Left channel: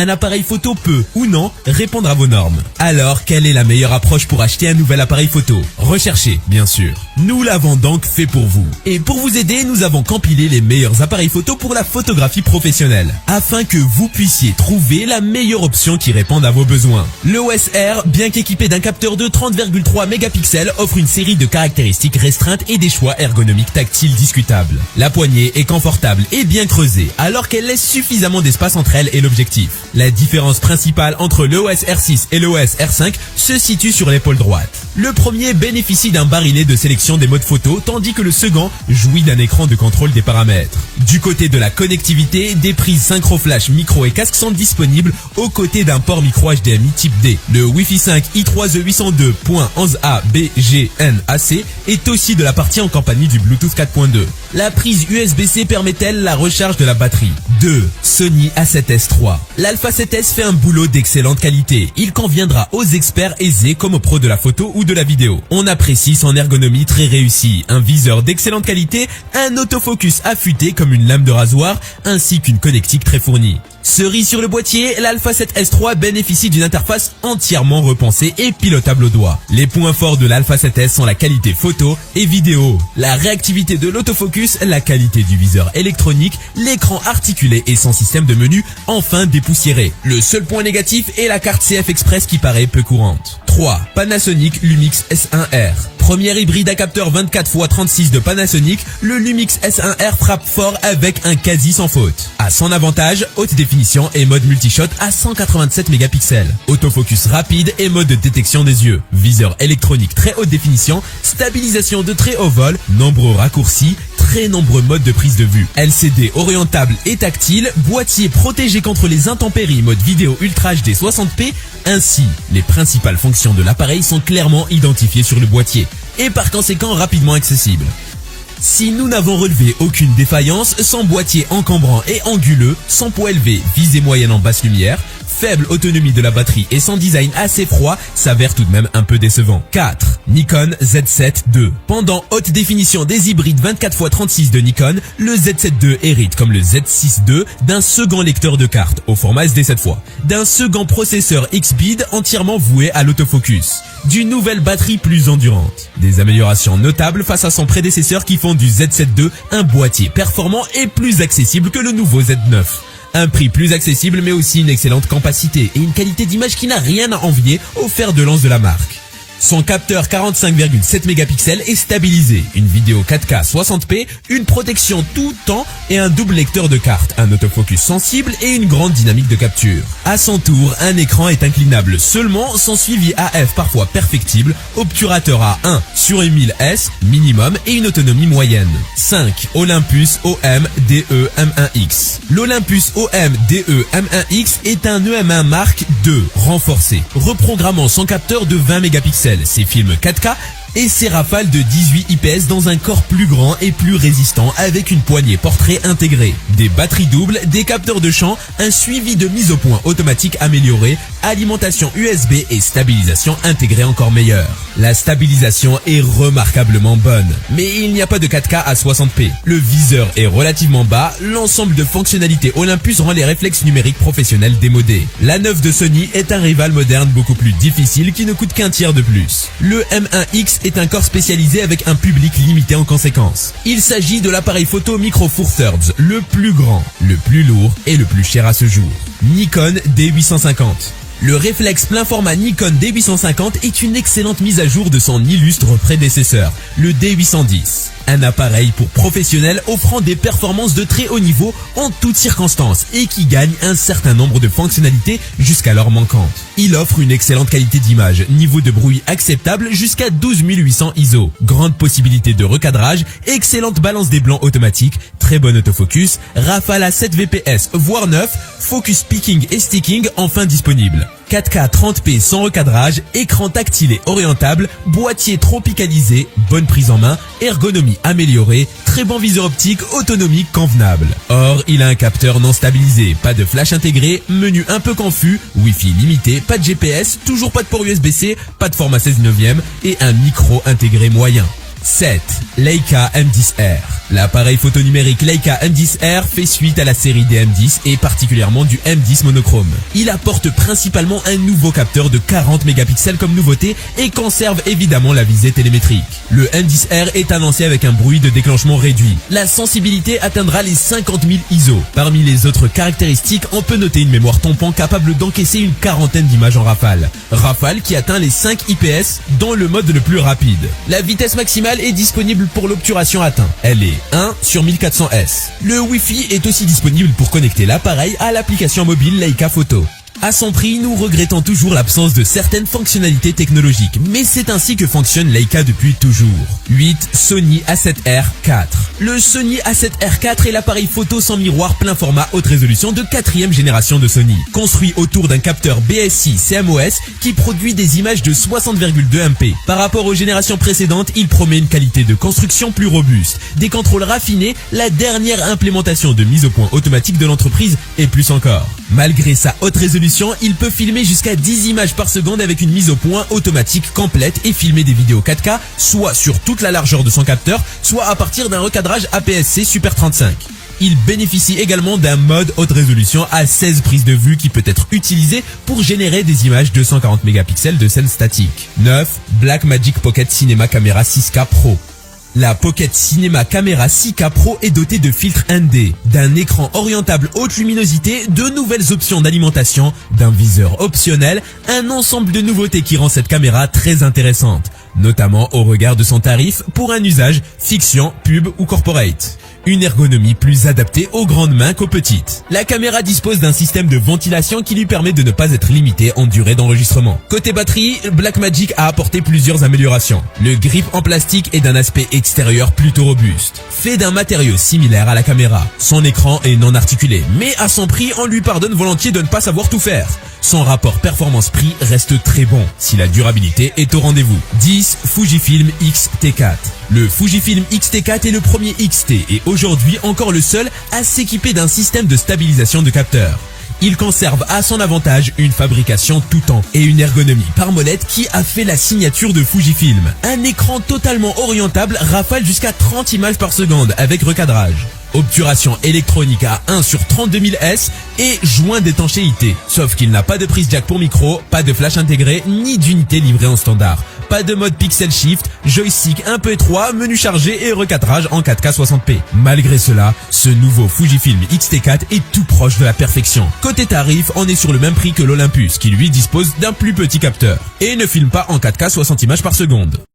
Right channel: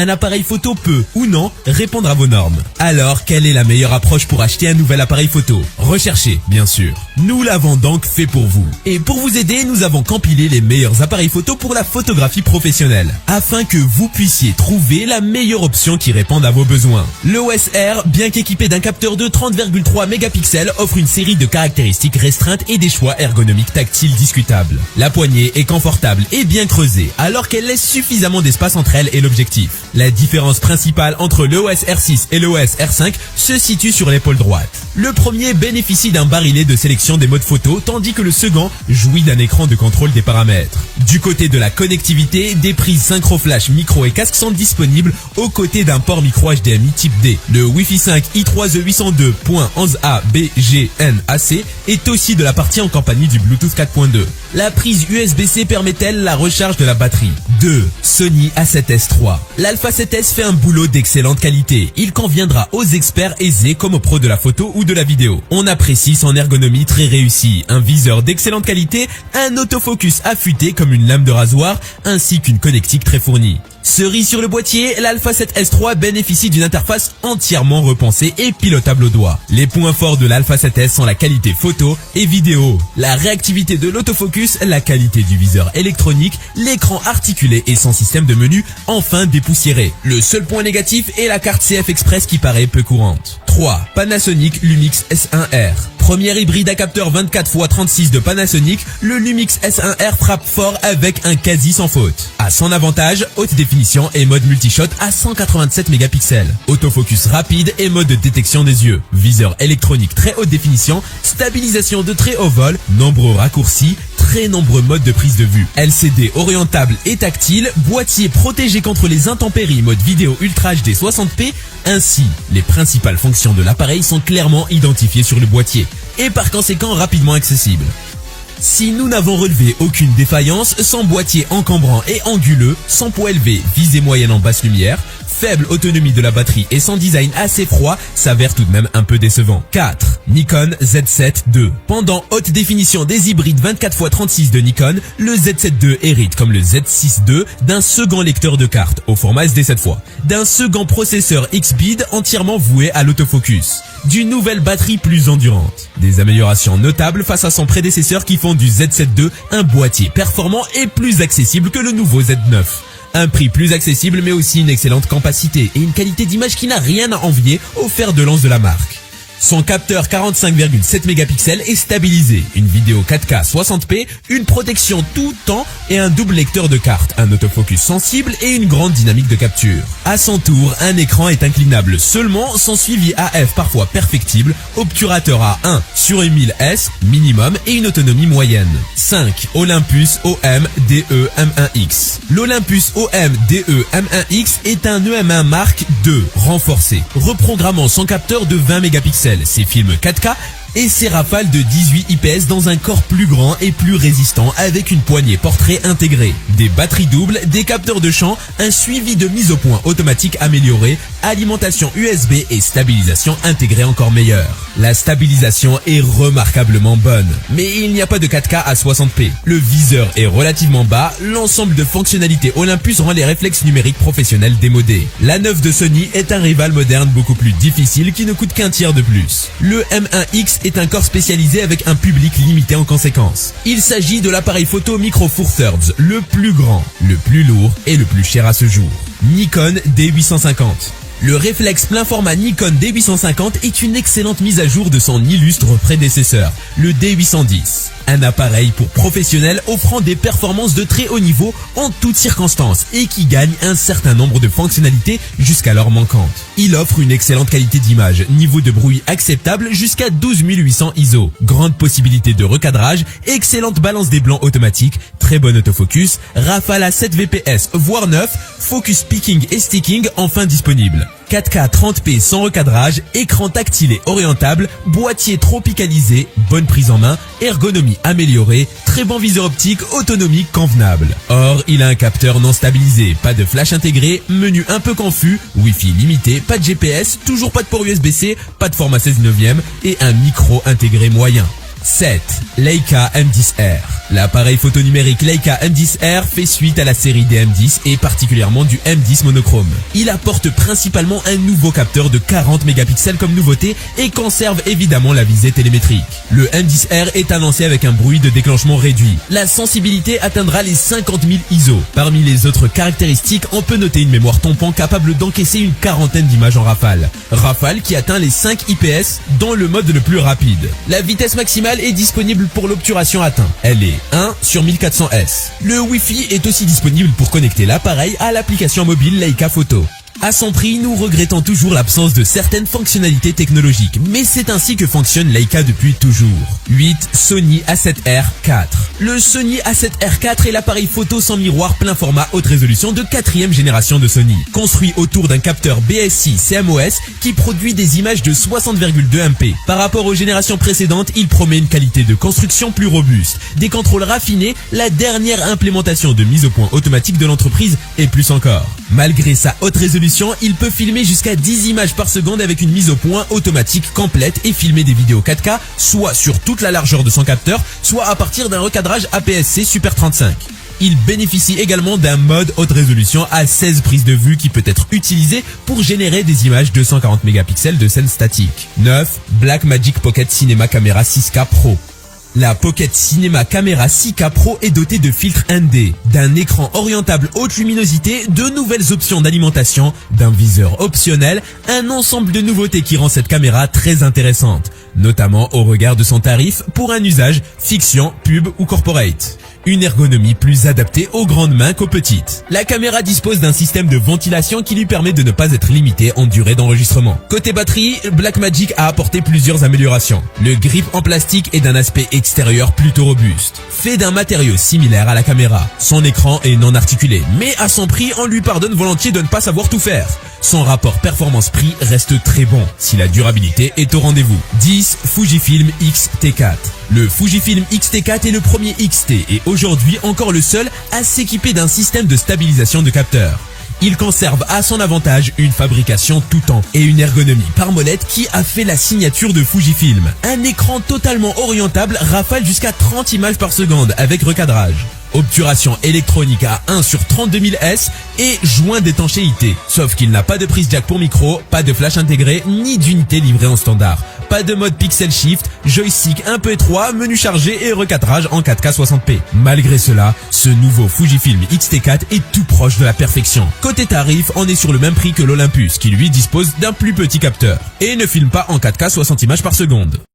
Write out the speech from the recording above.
Un appareil photo peut, ou non, répondre à vos normes. Alors, quelle est la meilleure approche pour acheter un nouvel appareil photo? Recherchez, bien sûr. Nous l'avons donc fait pour vous. Et pour vous aider, nous avons compilé les meilleurs appareils photo pour la photographie professionnelle, afin que vous puissiez trouver la meilleure option qui réponde à vos besoins. L'OS R, bien qu'équipé d'un capteur de 30,3 mégapixels, offre une série de caractéristiques restreintes et des choix ergonomiques tactiles discutables. La poignée est confortable et bien creusée, alors qu'elle laisse suffisamment d'espace entre elle et l'objectif. La différence principale entre l'OS R6 et l'OS R5 se situe sur l'épaule droite. Le premier bénéficie d'un barillet de sélection des modes photo, tandis que le second jouit d'un écran de contrôle des paramètres. Du côté de la connectivité, des prises synchro flash, micro et casque sont disponibles aux côtés d'un port micro HDMI type D. Le Wi-Fi 5 i3G802.11a BGNAC est aussi de la partie en compagnie du Bluetooth 4.2. La prise USB-C permet-elle la recharge de la batterie? 2. Sony A7S III. L'Alpha 7S fait un boulot d'excellente qualité. Il conviendra aux experts aisés comme aux pros de la photo ou de la vidéo. On apprécie son ergonomie très réussie, un viseur d'excellente qualité, un autofocus affûté comme une lame de rasoir, ainsi qu'une connectique très fournie. Cerise sur le boîtier, l'Alpha 7S III bénéficie d'une interface entièrement repensée et pilotable au doigt. Les points forts de l'Alpha 7S sont la qualité photo et vidéo, la réactivité de l'autofocus, la qualité du viseur électronique, l'écran articulé et son système de menu enfin dépoussiéré. Le seul point négatif est la carte CF Express qui paraît peu courante. 3. Panasonic Lumix S1R. Premier hybride à capteur 24x36 de Panasonic, le Lumix S1R frappe fort avec un quasi sans faute. À son avantage, haute définition et mode multishot à 187 mégapixels. Autofocus rapide et mode de détection des yeux. Viseur électronique très haute définition, stabilisation de très haut vol, nombreux raccourcis, très nombreux modes de prise de vue. LCD orientable et tactile, boîtier protégé contre les intempéries, mode vidéo Ultra HD 60p. Ainsi, les principales fonctions de l'appareil sont clairement identifiées sur le boîtier et par conséquent rapidement accessibles. Si nous n'avons relevé aucune défaillance, son boîtier encombrant et anguleux, son poids élevé, visée moyenne en basse lumière, faible autonomie de la batterie et son design assez froid s'avère tout de même un peu décevant. 4. Nikon Z7 II. Pendant haute définition des hybrides 24x36 de Nikon, le Z7 II hérite comme le Z6 II d'un second lecteur de cartes au format SD cette fois, d'un second processeur X-Speed entièrement voué à l'autofocus, d'une nouvelle batterie plus endurante, des améliorations notables face à son prédécesseur qui font du Z7 II un boîtier performant et plus accessible que le nouveau Z9. Un prix plus accessible mais aussi une excellente capacité et une qualité d'image qui n'a rien à envier au fer de lance de la marque. Son capteur 45,7 mégapixels est stabilisé, une vidéo 4K 60p, une protection tout temps et un double lecteur de cartes, un autofocus sensible et une grande dynamique de capture. À son tour, un écran est inclinable seulement, son suivi AF parfois perfectible, obturateur à 1 sur 1000S minimum et une autonomie moyenne. 5. Olympus OM DE M1X. L'Olympus OM DE M1X est un EM1 Mark II renforcé, reprogrammant son capteur de 20 mégapixels, ses films 4K et ses rafales de 18 IPS dans un corps plus grand et plus résistant avec une poignée portrait intégrée, des batteries doubles, des capteurs de champ, un suivi de mise au point automatique amélioré, alimentation USB et stabilisation intégrée encore meilleure. La stabilisation est remarquablement bonne, mais il n'y a pas de 4K à 60p. Le viseur est relativement bas, l'ensemble de fonctionnalités Olympus rend les réflexes numériques professionnels démodés. La 9 de Sony est un rival moderne beaucoup plus difficile qui ne coûte qu'un tiers de plus. Le M1X est un corps spécialisé avec un public limité en conséquence. Il s'agit de l'appareil photo Micro Four Thirds, le plus grand, le plus lourd et le plus cher à ce jour. Nikon D850. Le réflexe plein format Nikon D850 est une excellente mise à jour de son illustre prédécesseur, le D810. Un appareil pour professionnels offrant des performances de très haut niveau en toutes circonstances et qui gagne un certain nombre de fonctionnalités jusqu'alors manquantes. Il offre une excellente qualité d'image, niveau de bruit acceptable jusqu'à 12800 ISO, grande possibilité de recadrage, excellente balance des blancs automatique, très bon autofocus, rafale à 7 VPS voire 9, focus picking et sticking enfin disponible. 4K 30p sans recadrage, écran tactile et orientable, boîtier tropicalisé, bonne prise en main, ergonomie améliorée, très bon viseur optique, autonomie convenable. Or, il a un capteur non stabilisé, pas de flash intégré, menu un peu confus, Wi-Fi limité, pas de GPS, toujours pas de port USB-C, pas de format 16/9 et un micro intégré moyen. 7. Leica M10R. L'appareil photo numérique Leica M10R fait suite à la série des M10 et particulièrement du M10 monochrome. Il apporte principalement un nouveau capteur de 40 mégapixels comme nouveauté et conserve évidemment la visée télémétrique. Le M10R est annoncé avec un bruit de déclenchement réduit. La sensibilité atteindra les 50 000 ISO. Parmi les autres caractéristiques, on peut noter une mémoire tampon capable d'encaisser une quarantaine d'images en rafale. Rafale qui atteint les 5 IPS dans le mode le plus rapide. La vitesse maximale est disponible pour l'obturation atteinte. Elle est 1/1400S. Le Wi-Fi est aussi disponible pour connecter l'appareil à l'application mobile Leica Photo. À son prix, nous regrettons toujours l'absence de certaines fonctionnalités technologiques, mais c'est ainsi que fonctionne Leica depuis toujours. 8. Sony A7R IV. Le Sony A7R IV est l'appareil photo sans miroir plein format haute résolution de 4e génération de Sony. Construit autour d'un capteur BSI CMOS qui produit des images de 60,2 MP. Par rapport aux générations précédentes, il promet une qualité de construction plus robuste, des contrôles raffinés, la dernière implémentation de mise au point automatique de l'entreprise et plus encore. Malgré sa haute résolution, il peut filmer jusqu'à 10 images par seconde avec une mise au point automatique complète et filmer des vidéos 4K, soit sur toute la largeur de son capteur, soit à partir d'un recadrage APS-C Super 35. Il bénéficie également d'un mode haute résolution à 16 prises de vue qui peut être utilisé pour générer des images 240 mégapixels de scène statique. 9. Blackmagic Pocket Cinema Camera 6K Pro. La Pocket Cinema Camera 6K Pro est dotée de filtres ND, d'un écran orientable haute luminosité, de nouvelles options d'alimentation, d'un viseur optionnel, un ensemble de nouveautés qui rend cette caméra très intéressante, notamment au regard de son tarif pour un usage fiction, pub ou corporate. Une ergonomie plus adaptée aux grandes mains qu'aux petites. La caméra dispose d'un système de ventilation qui lui permet de ne pas être limitée en durée d'enregistrement. Côté batterie, Blackmagic a apporté plusieurs améliorations. Le grip en plastique est d'un aspect extérieur plutôt robuste, fait d'un matériau similaire à la caméra. Son écran est non articulé, mais à son prix, on lui pardonne volontiers de ne pas savoir tout faire. Son rapport performance-prix reste très bon, si la durabilité est au rendez-vous. 10. Fujifilm X-T4. Le Fujifilm X-T4 est le premier XT et aujourd'hui encore le seul à s'équiper d'un système de stabilisation de capteurs. Il conserve à son avantage une fabrication tout temps et une ergonomie par molette qui a fait la signature de Fujifilm. Un écran totalement orientable rafale jusqu'à 30 images par seconde avec recadrage. Obturation électronique à 1 sur 32 000 S et joint d'étanchéité. Sauf qu'il n'a pas de prise jack pour micro, pas de flash intégré, ni d'unité livrée en standard. Pas de mode pixel shift, joystick un peu étroit, menu chargé et recadrage en 4K 60p. Malgré cela, ce nouveau Fujifilm X-T4 est tout proche de la perfection. Côté tarif, on est sur le même prix que l'Olympus qui lui dispose d'un plus petit capteur et ne filme pas en 4K 60 images par seconde.